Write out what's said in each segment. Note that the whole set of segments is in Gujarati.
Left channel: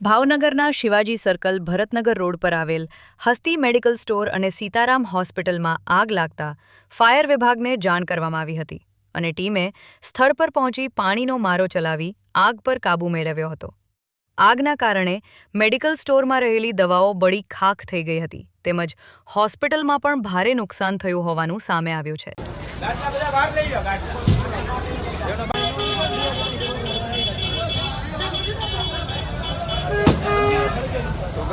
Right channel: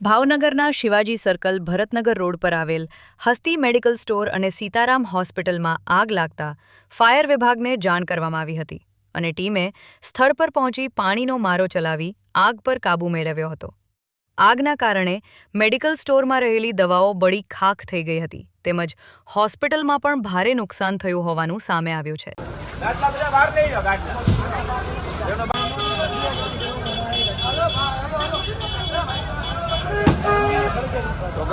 ભાવનગરના શિવાજી સર્કલ ભરતનગર રોડ પર આવેલ હસ્તી મેડિકલ સ્ટોર અને સીતારામ હોસ્પિટલમાં આગ લાગતા ફાયર વિભાગને જાણ કરવામાં આવી હતી અને ટીમે સ્થળ પર પહોંચી પાણીનો મારો ચલાવી આગ પર કાબૂ મેળવ્યો હતો। આગના કારણે મેડિકલ સ્ટોરમાં રહેલી દવાઓ બળી ખાખ થઈ ગઈ હતી તેમજ હોસ્પિટલમાં પણ ભારે નુકસાન થયું હોવાનું સામે આવ્યું છે।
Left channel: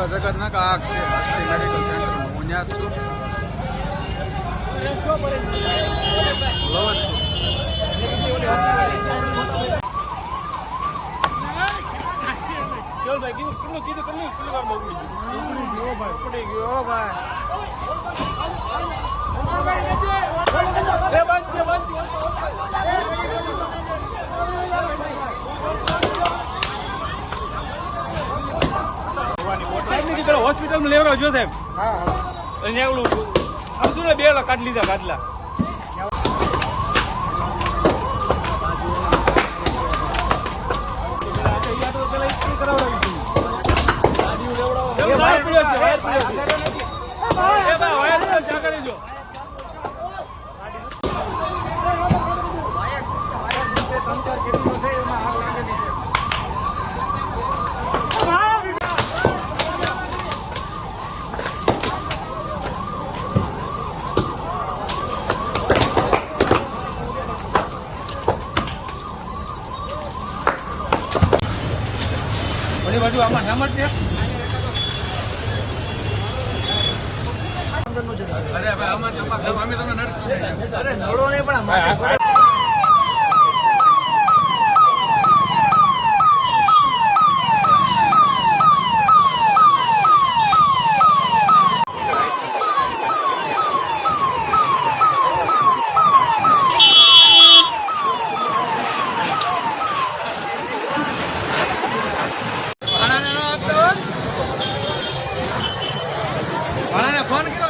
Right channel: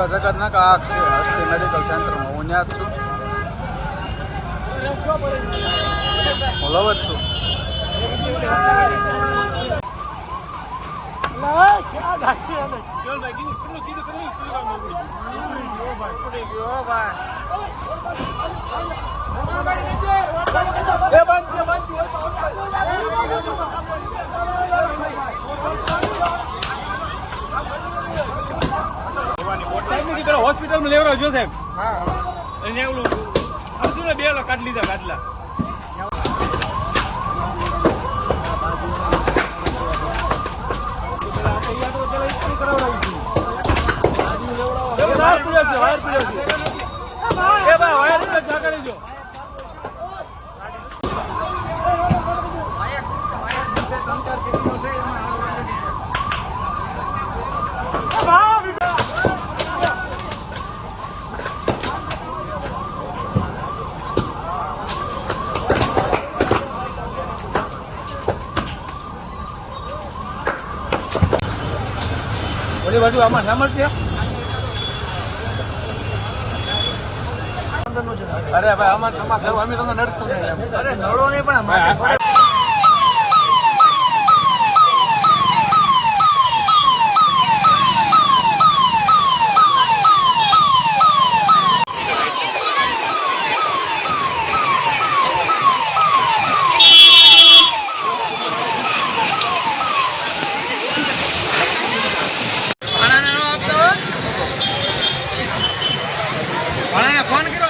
જગતના આગ છે હસ્તી મેડિકલ સેન્ટરમાં હું ત્યાં છું હું લવ જ છું। હોસ્પિટલ માં લેવડાવ જો સાહેબ આમ શું 2 લાખ કાઢ લીધા કાઢલા બાજુ આમાં નામ છે। અરે ભાઈ આમાં તમારે અમે તમને નડશું નહીં। અરે નડો નહીં પણ માથે પડે। फोन करो।